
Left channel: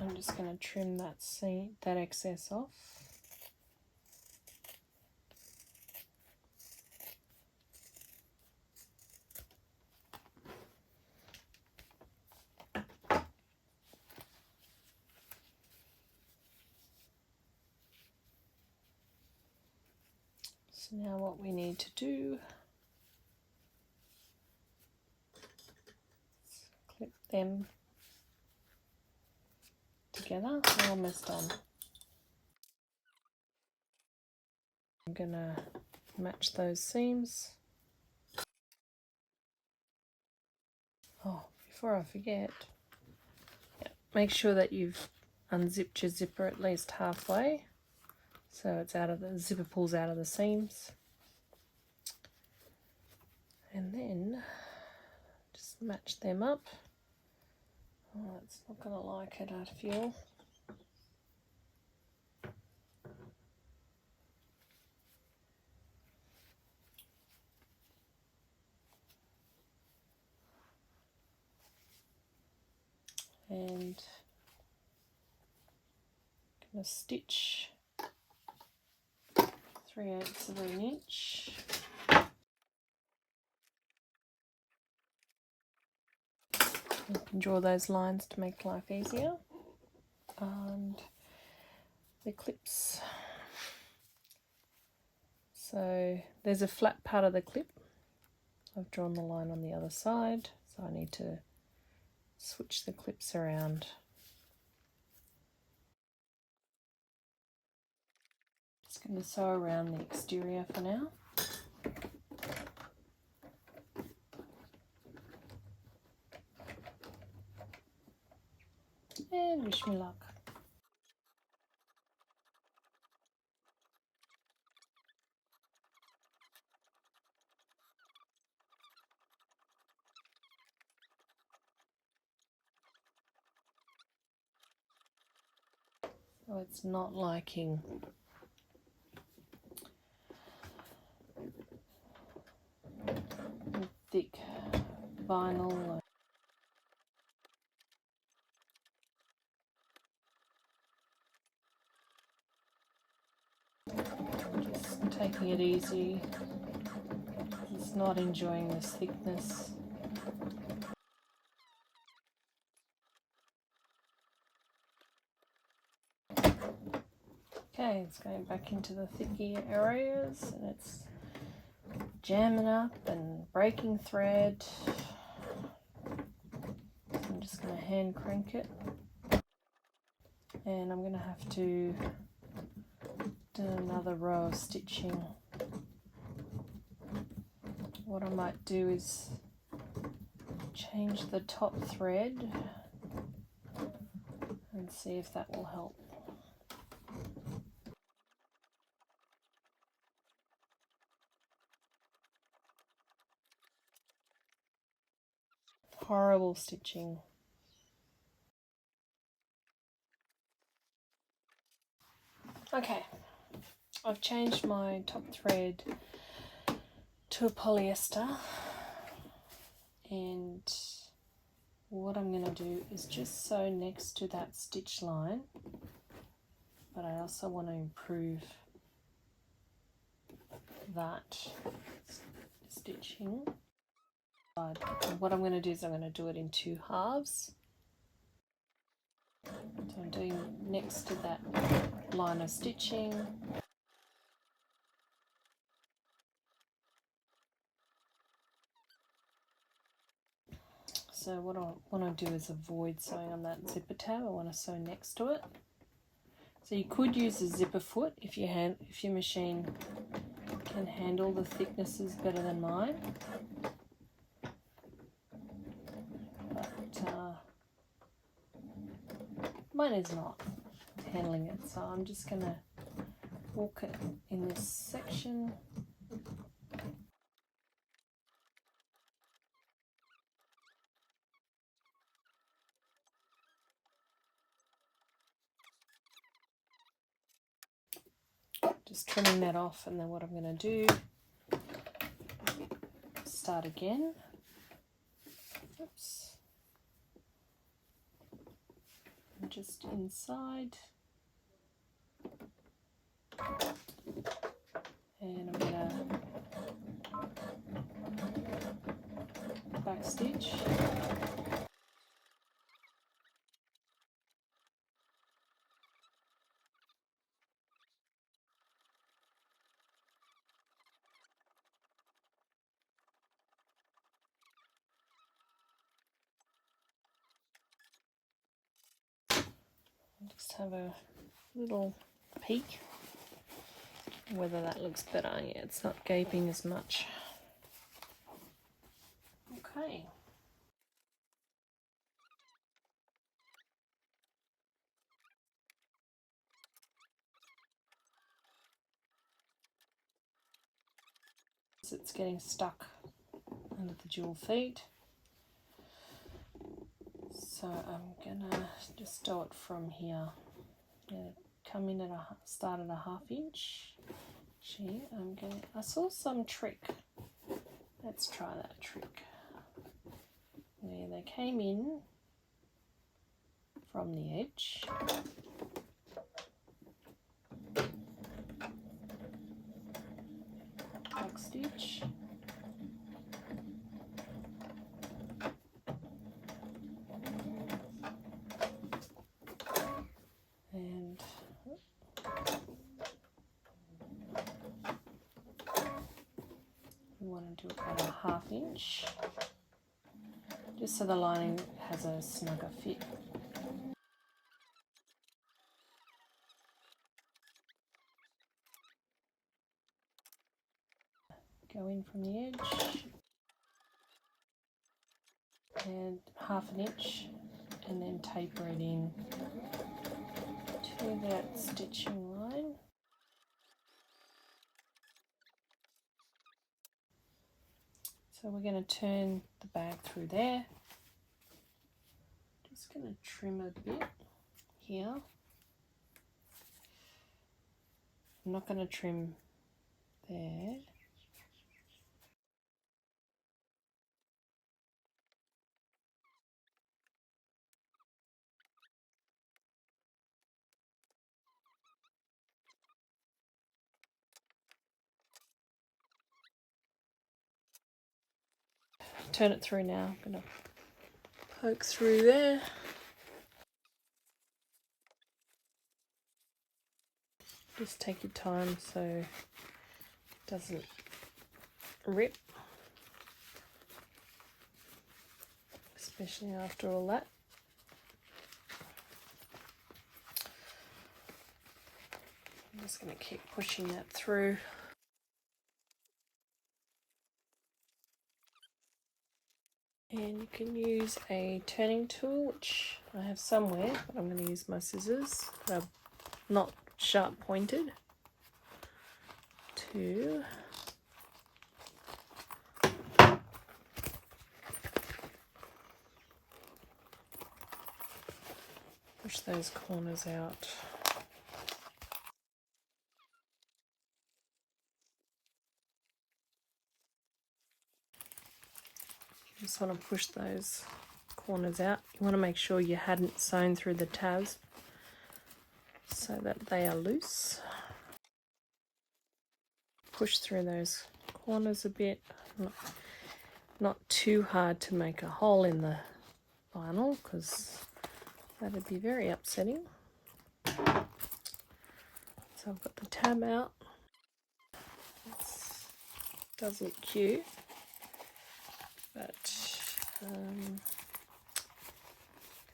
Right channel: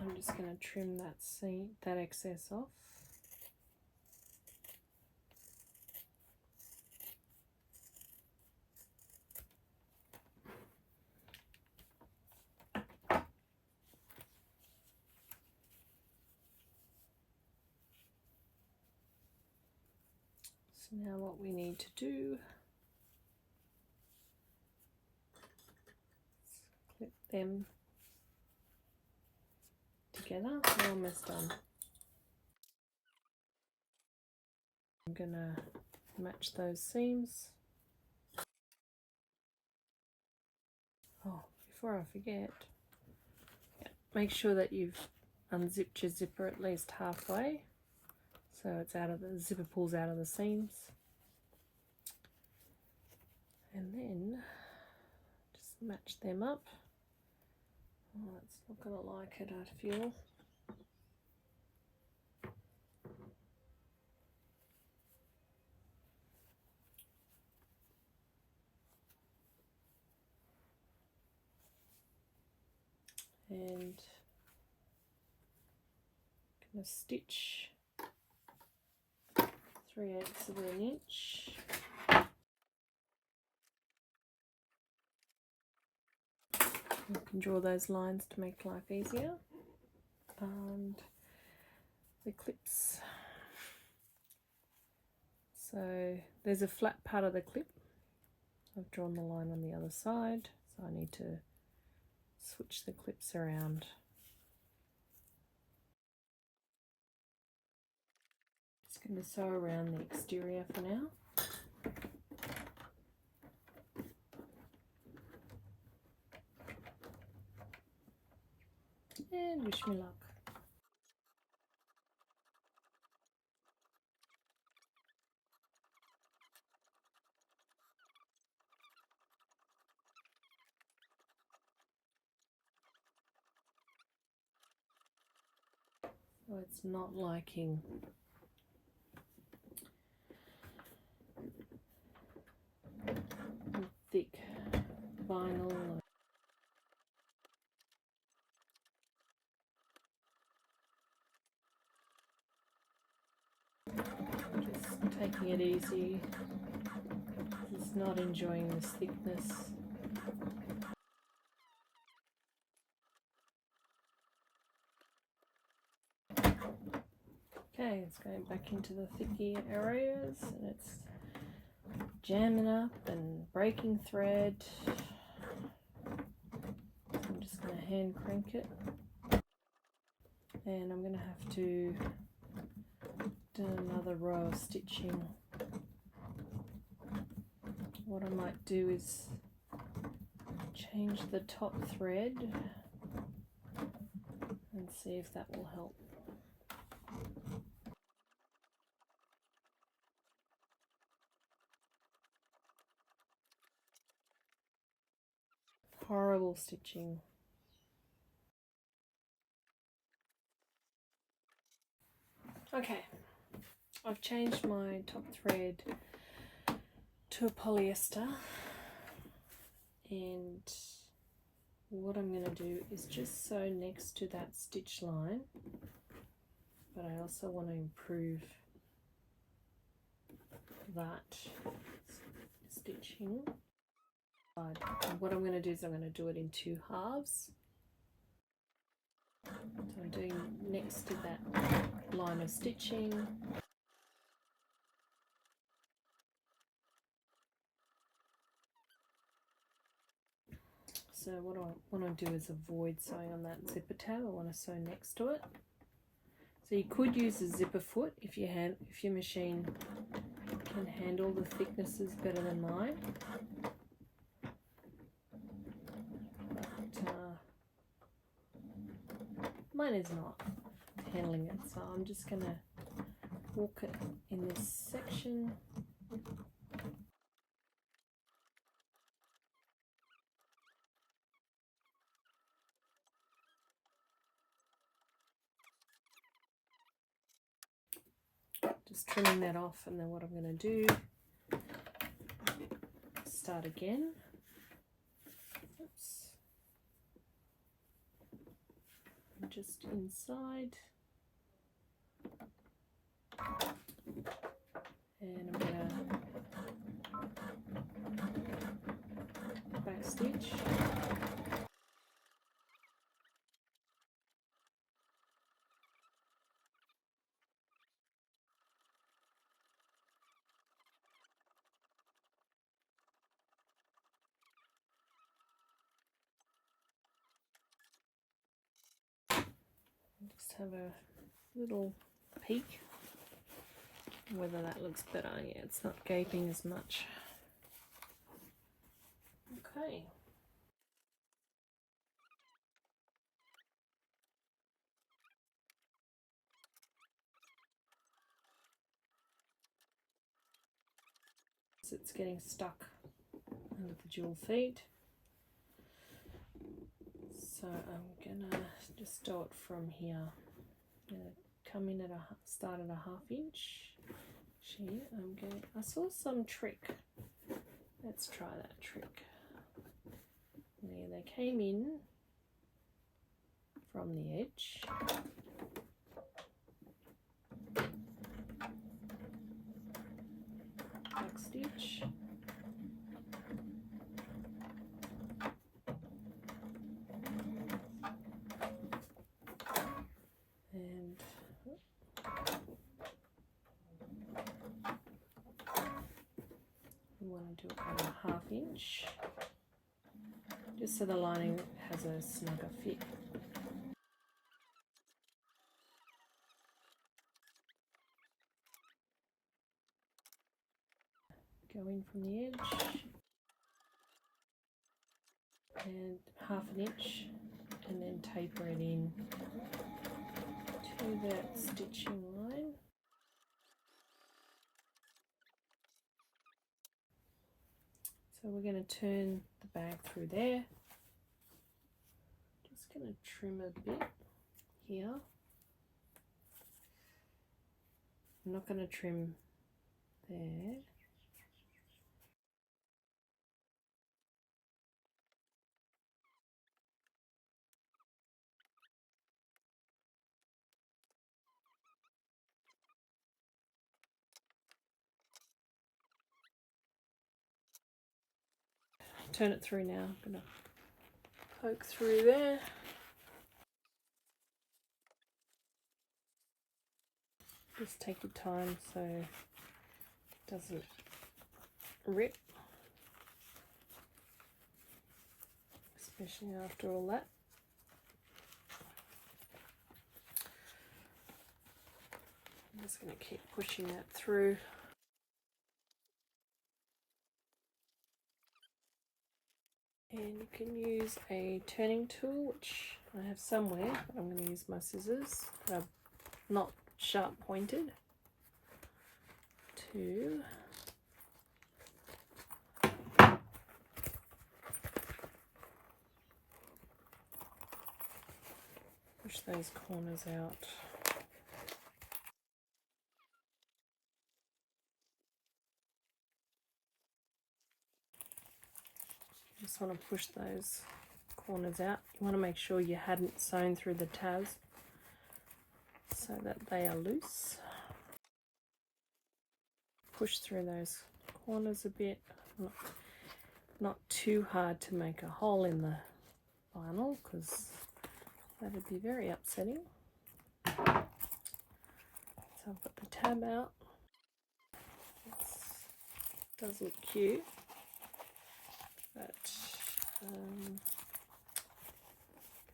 I'm just going to trim that excess off. So now what we need to do is clip them together. We're almost done. I'm going to match those seams. Oh, before I forget, make sure that you've unzipped your zipper at least halfway, so it's out of the zipper pulls out of the seams. And then just match them up. Oh, it's not going to like it, I feel. And going to stitch 3/8 of an inch. You can draw those lines to make life easier. And the clips. So there's a flat part of the clip. I've drawn the line on the other side, so I need to switch the clips around. Just going to sew around the exterior for now. And wish me luck. So it's not liking thick vinyl. Just taking it easy. It's not enjoying this thickness. Okay, it's going back into the thicky areas and it's jamming up and breaking thread. I'm just going to hand crank it, and I'm going to have to do another row of stitching. What I might do is change the top thread and see if that will help. Horrible stitching. Okay, I've changed my top thread to a polyester, and what I'm going to do is just sew next to that stitch line, but I also want to improve that stitching. And what I'm going to do is I'm going to do it in 2 halves. So I'm doing next to that line of stitching. So what I want to do is avoid sewing on that zipper tab. I want to sew next to it. So you could use a zipper foot if your machine can handle the thicknesses better than mine. But mine is not handling it, so I'm just going to walk it in this section. Just trimming that off, and then what I'm going to do, start again. Oops. And just inside. And I'm going to back stitch. Just have a little peek whether that looks better. Yeah, it's not gaping as much. Okay. It's getting stuck under the jewel feet. So I'm gonna just do it from here. I'm gonna come in at start at a 1/2 inch. Gee, I saw some trick. Let's try that trick. Where they came in from the edge. Back stitch. And we want to do about a 1/2 inch, just so the lining has a snugger fit. Go in from the edge and 1/2 inch, and then taper it in to that stitching line. So we're going to turn the bag through there. Just going to trim a bit here. I'm not going to trim there. Turn it through now. I'm going to poke through there. Just take your time so it doesn't rip, especially after all that. I'm just going to keep pushing that through. And you can use a turning tool, which I have somewhere, but I'm going to use my scissors. They're not sharp pointed. To push those corners out. You just want to push those corners out. You want to make sure you hadn't sewn through the tabs so that they are loose. push through those corners a bit. Not too hard to make a hole in the vinyl because that'd be very upsetting. So I've got the tab out. This does look cute, but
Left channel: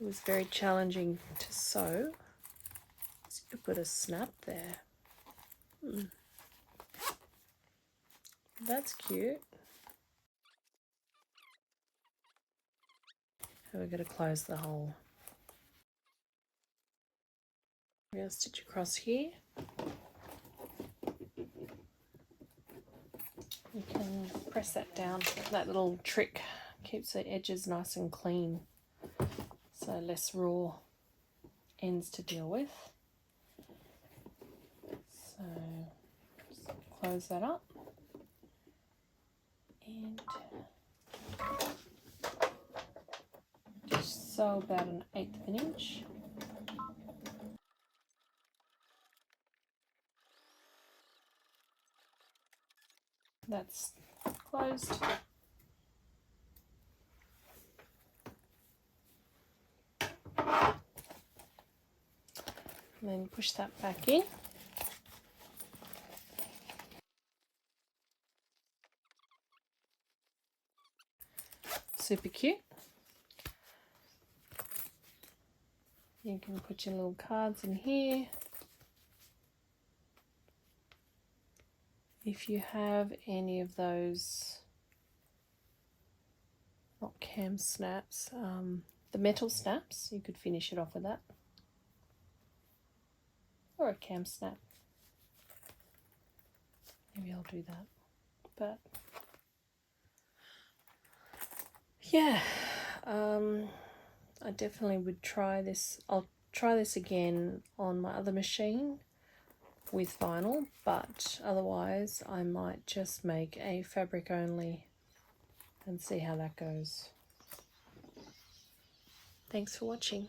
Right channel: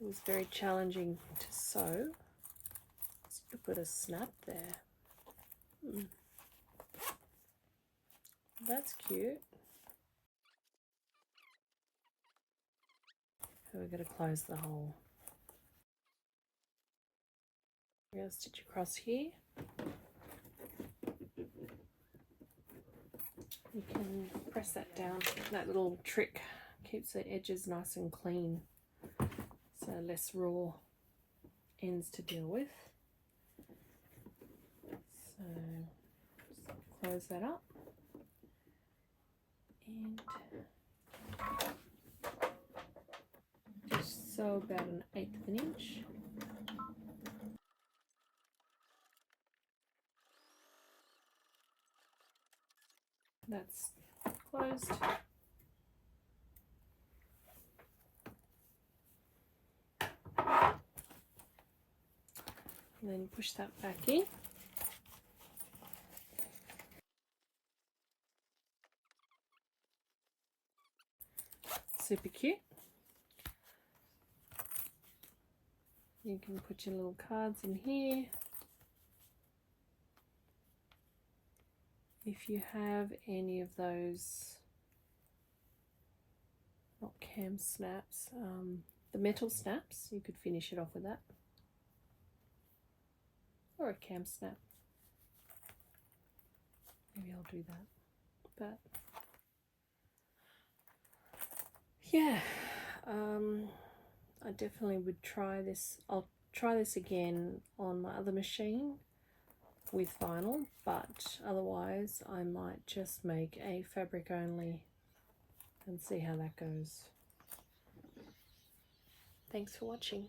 it was very challenging to sew. So you put a snap there. That's cute. So we're going to close the hole. We're going to stitch across here. You can press that down. That little trick keeps the edges nice and clean, so less raw ends to deal with. So just close that up and just sew about 1/8 of an inch. That's closed. And then push that back in. Super cute. You can put your little cards in here. If you have any of those, not cam snaps, the metal snaps, you could finish it off with that. Or a cam snap. Maybe I'll do that. But yeah, I definitely would try this. I'll try this again on my other machine with vinyl, but otherwise I might just make a fabric only and see how that goes. Thanks for watching.